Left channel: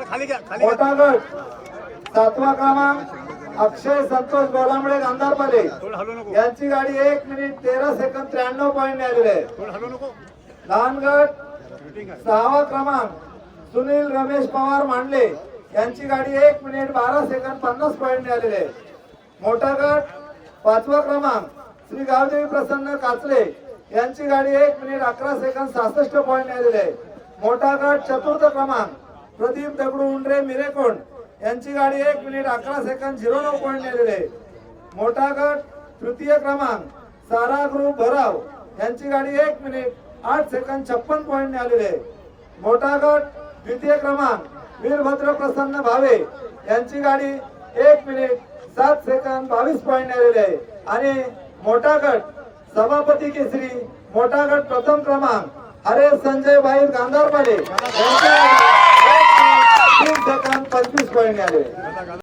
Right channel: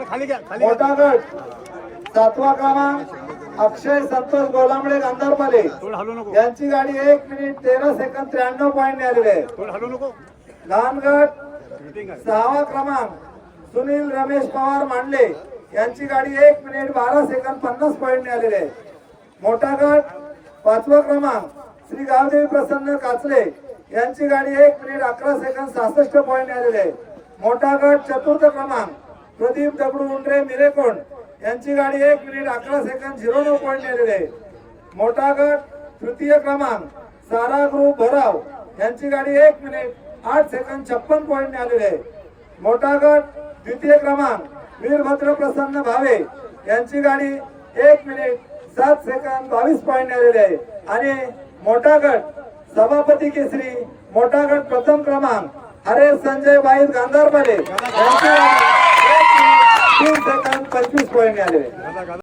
मोठा गट 7वा क्रमांक अक्षय संतोष गोडांबळे गांधारपाले यांची गाडी 1 मिनिट 13 सेकंद 93 पॉईंट मिळालेले आहे। लहान गट 6वा क्रमांक सुनील रमेश पवार मांडले यांची गाडी 1 मिनिट 12 सेकंद 50 पॉईंट मिळालेले आहे। मोठा गट 5वा क्रमांक श्री गावदेवी प्रसन्न काचले यांची गाडी 1 मिनिट 11 सेकंद 66 पॉईंट मिळालेले आहे। मोठा गट 4र्थ क्रमांक प्रदीप दगडू उंडरे मिरेकोंड यांची गाडी 1 मिनिट 11 सेकंद 09 पॉईंट मिळालेले आहे। मोठा गट 3य क्रमांक सारा ग्रुप भराव यांची गाडी 1 मिनिट 8 सेकंद 56 पॉईंट मिळालेले आहे। मोठा गट 2य क्रमांक वीरभद्र प्रसन्न भावे यांची गाडी 1 मिनिट 7 सेकंद 22 पॉईंट मिळालेले आहे। आणि मोठा गट सभापती केसरी मोठा गट प्रथम क्रमांक हरेश संजय बाई गांधारपाले यांची गाडी 1 मिनिट 30 सेकंद 25 पॉईंट मिळाले।